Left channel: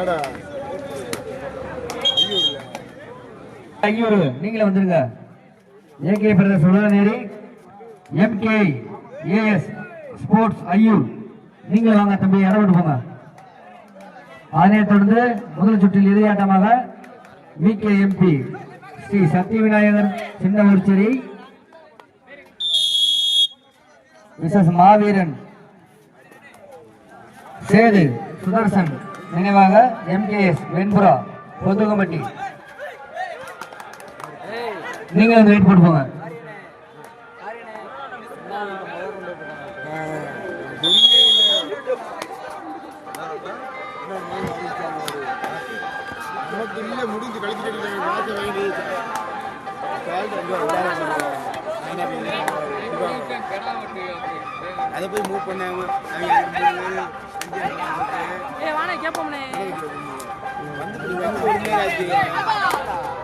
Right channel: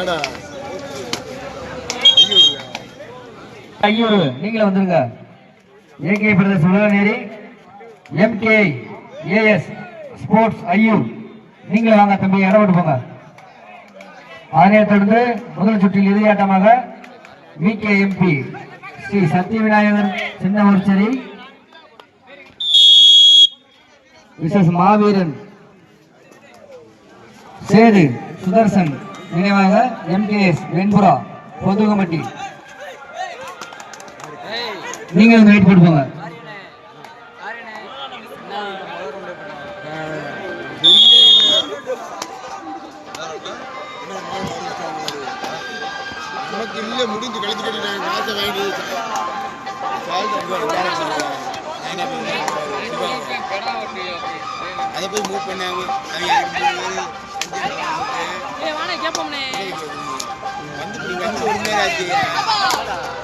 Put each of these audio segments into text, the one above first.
ஏடா ஐயூர் நீங்களே வந்துருங்க. AK brothers Ulaganeri MK AS sports Aiyur. நீங்களே வாங்க தம்பி இடம் விட்டு போங்க. அதனை தொடர்ந்து முதல் சுற்றில் இறுதியாட்டமாக VK MP Sri Sathya Vinayagar சின்னவர்ச்சேரி Mrs மாவீரன் சேது சுதர்சன் நினைவாக எம்கேஎஸ் வெண்புரா பொதுகமட்டி நீங்க வெயிட் போட்டு போங்க முடிஞ்சு கழிச்சுட்டு நாங்கள் மாதம் அதை போய் மூவ் பண்ணாங்க Eh, mana dia pun ni. Ini jadi. Ini jadi.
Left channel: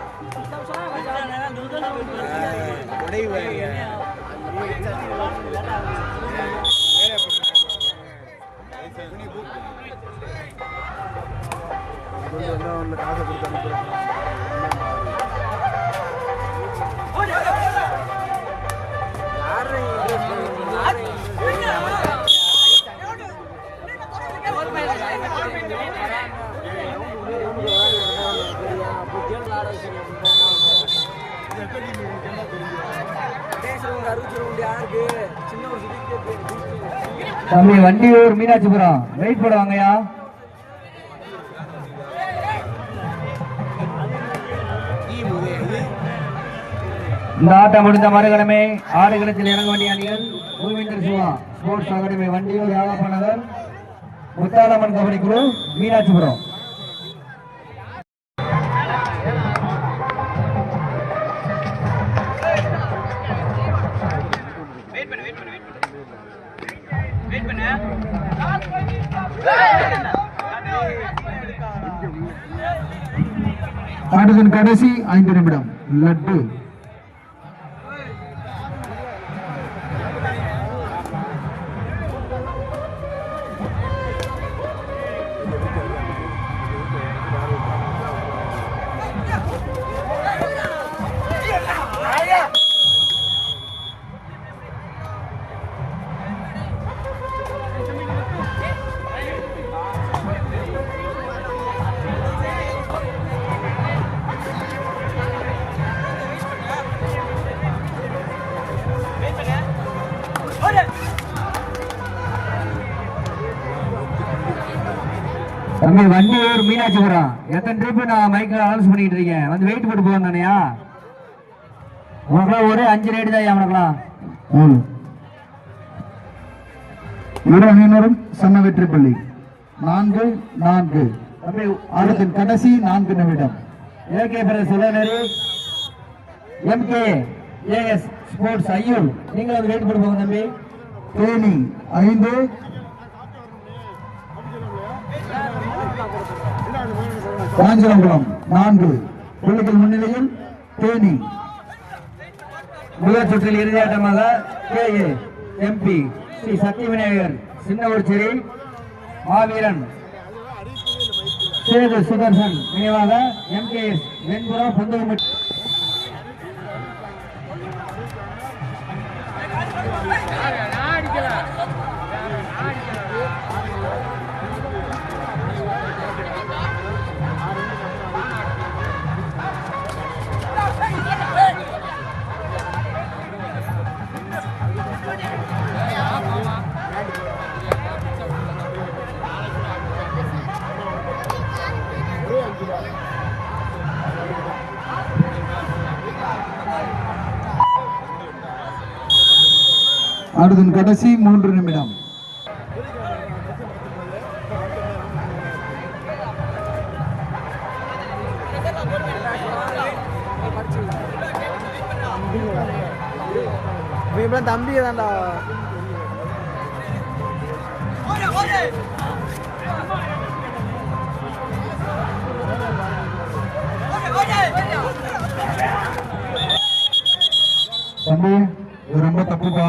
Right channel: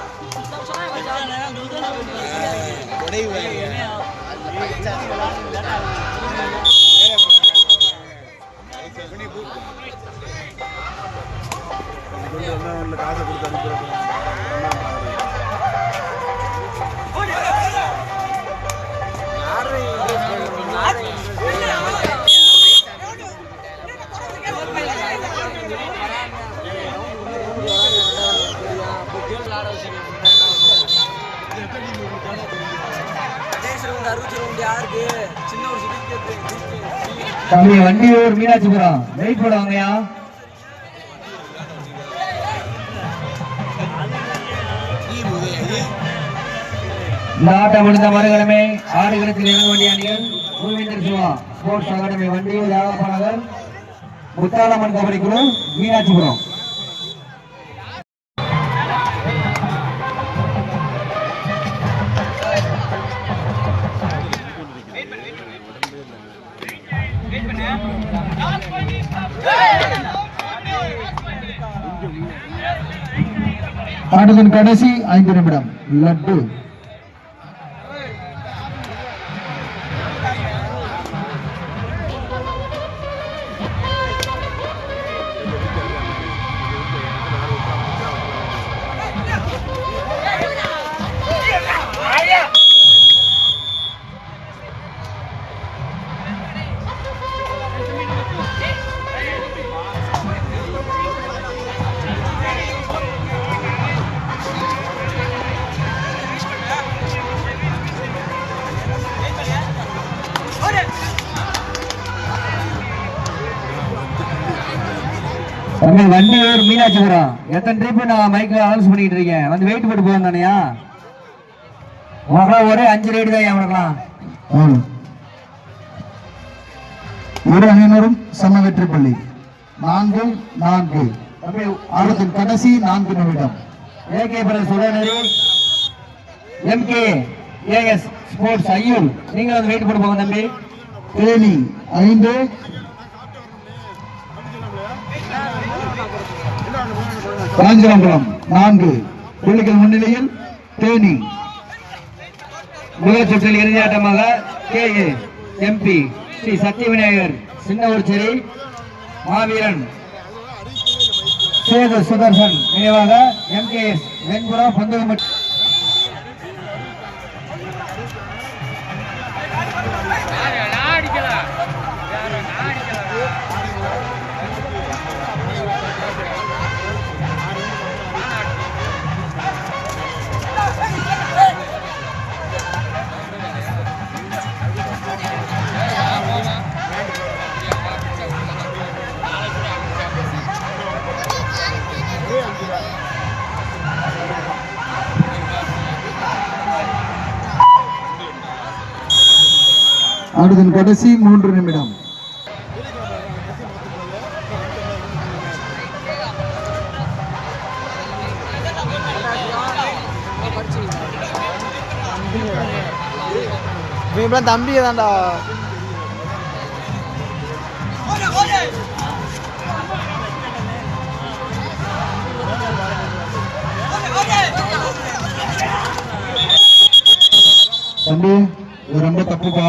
தம்பி வண்டியூர் மீனாட்சிபுரம் வெயிட் போடுவாங்கய்யா இந்த ஆட்டம் முடிந்த மறுகிழமை ஆடுகளத்தில் இறங்க வேண்டிய அணிகள் பூவிந்தர் சிவா ஸ்போர்ட்ஸ் அகாடமி வண்டியூர் யாதப்ப முத்தாலம்மன் கபடி குழு மீனாட்சிபுரம் ஆட்டத்தின் கடைசி ஐந்து நிமிடம். லட்டு. தம்பி வண்டியூர் மீனாட்சிபுரம் எத்தனை ட்ரிப் நான் மைக்கில் அனௌன்ஸ் பண்ணிட்டு இருக்கேன்? வந்து வெயிட் போட்டு போவோம் தானேயா உனக்குலாம் ஒரே அஞ்சு ரேடு தான் அவனுக்குலாம் இரு அணியினரும் சம வெற்றி பள்ளி. நான்கு நான்கு. ஆட்டத்தின் கடைசி நான்கு நிமிடம். ஏகே பிரதர் சுடனரி எம்கே ஏஎஸ் ஸ்போர்ட்ஸ் ஐயூர். நீங்களும் வந்து வெயிட் போட்டு போங்க தம்பி. தேனி ஐந்து காஞ்சிரங்குளம் நான்கு புள்ளிகள் முன்னிலையில் தேனி முதல் சுற்றில் இறுதியாட்டமாக K A MP Sri Sathya Vinayagar சின்ன சின்னவர்ச்சேரி மாவீரன் சேது சுதர்சன் நினைவாக எம்கேஎஸ் வெண்புரம் பொந்தகமட்டி அடுத்தின் கடைசி மூன்று நிமிடம். இவன் தம்பி தான்டா. தம்பி ரொம்ப தப்புப்பா.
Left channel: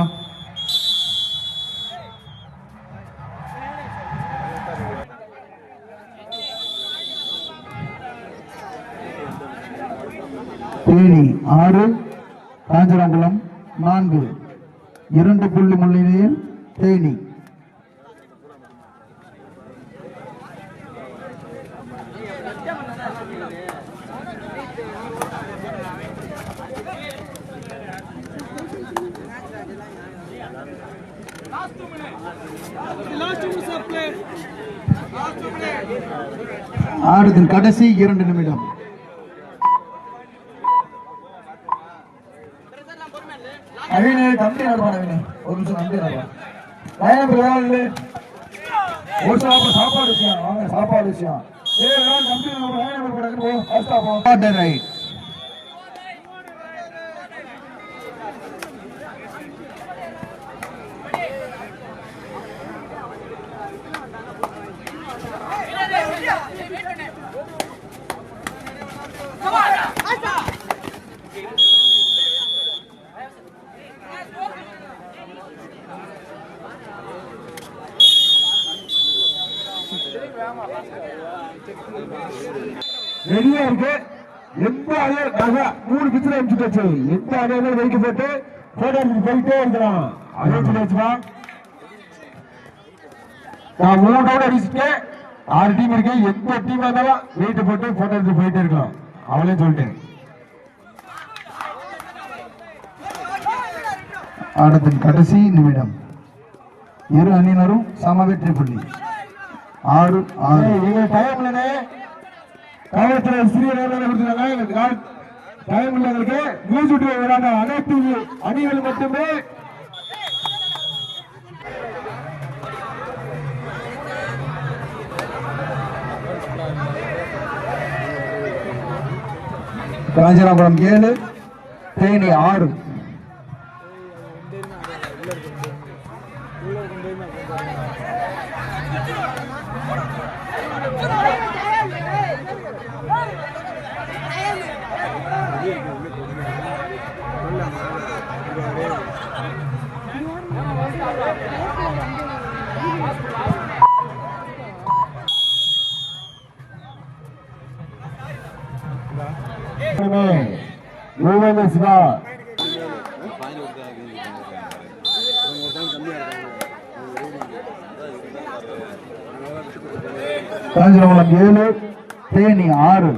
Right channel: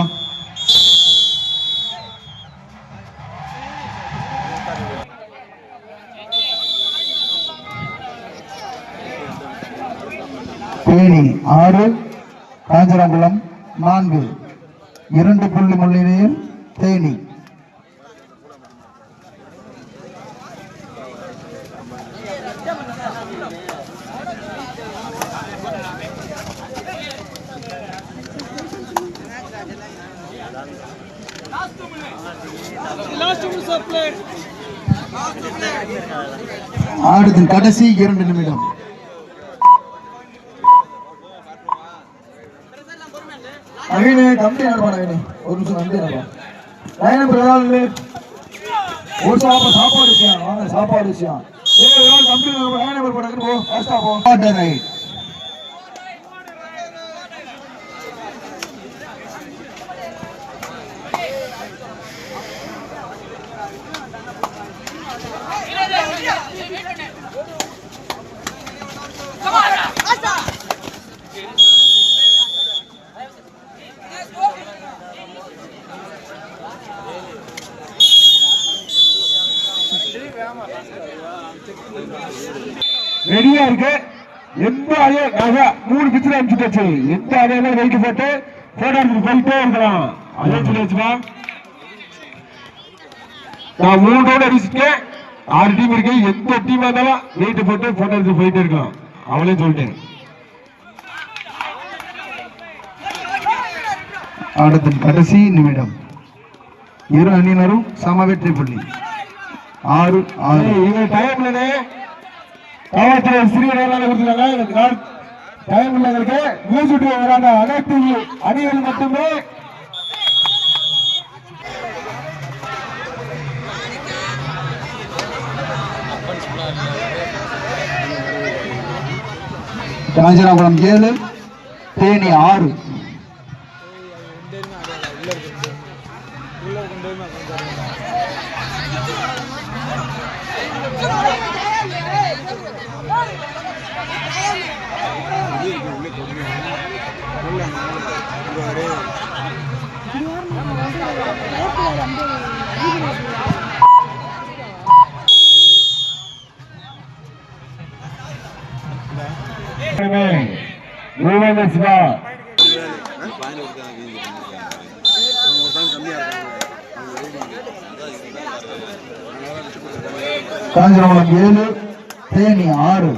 தேனி ஆறு காஞ்சராங்குளம் நான்கு. இரண்டு புள்ளி மொழியில் தேனி. ஆடுதின் கடைசி இரண்டு நிமிடம். அவினே கம்பி நடப்பான அகிலே. ஒரு நிமிஷம் கம்பி நடப்பான் லைன் பிரதான ஒரு சாப்பாடு சாப்பாடு விஷயம் வாங்க சாப்பாடு விஷயம் ஏ விரான் கம்பி லைன் நம்பர் போடாங்க போ. ஃபாஸ்டா போ. ஆர்டர் ரைட் ரெடியா இருக்கு. எந்த அதே நகை மூணு பிச்சர் அனுப்பிச்சுட்டு எந்த அலையில வெயிட் போட்டு போட்டோ எடுத்து போயிட்டே இருக்கிறான். அதே சொல்லி நான் மூணு அடிச்சுட்டேன் ஆறு டீம் இருக்கு. எந்த டீம் இருந்தாலும் வெயிட் போட்டு போட்டோ எடுத்து போயிட்டே இருக்கலாம். அவளே சொல்லிட்டேன். ஆட்டத்தின் கடைசி நிமிடம். இரு அணியினரும் சம வெற்றி புள்ளி. ஆறு ஆறு. இவங்க டைம்ல காவல்துறை சிறிய நேரம் கொடுத்துருக்காங்க. டைம் உள்ளவங்களுக்கு மியூசிக் வராங்க. அனைத்து அணிகள் மட்டுமே. காஞ்சனாபுரம் ஏழு தேனி ஆறு. 그러면 노만의 수가 காஞ்சனாபுரம் ஏழு தேனி ஆறு.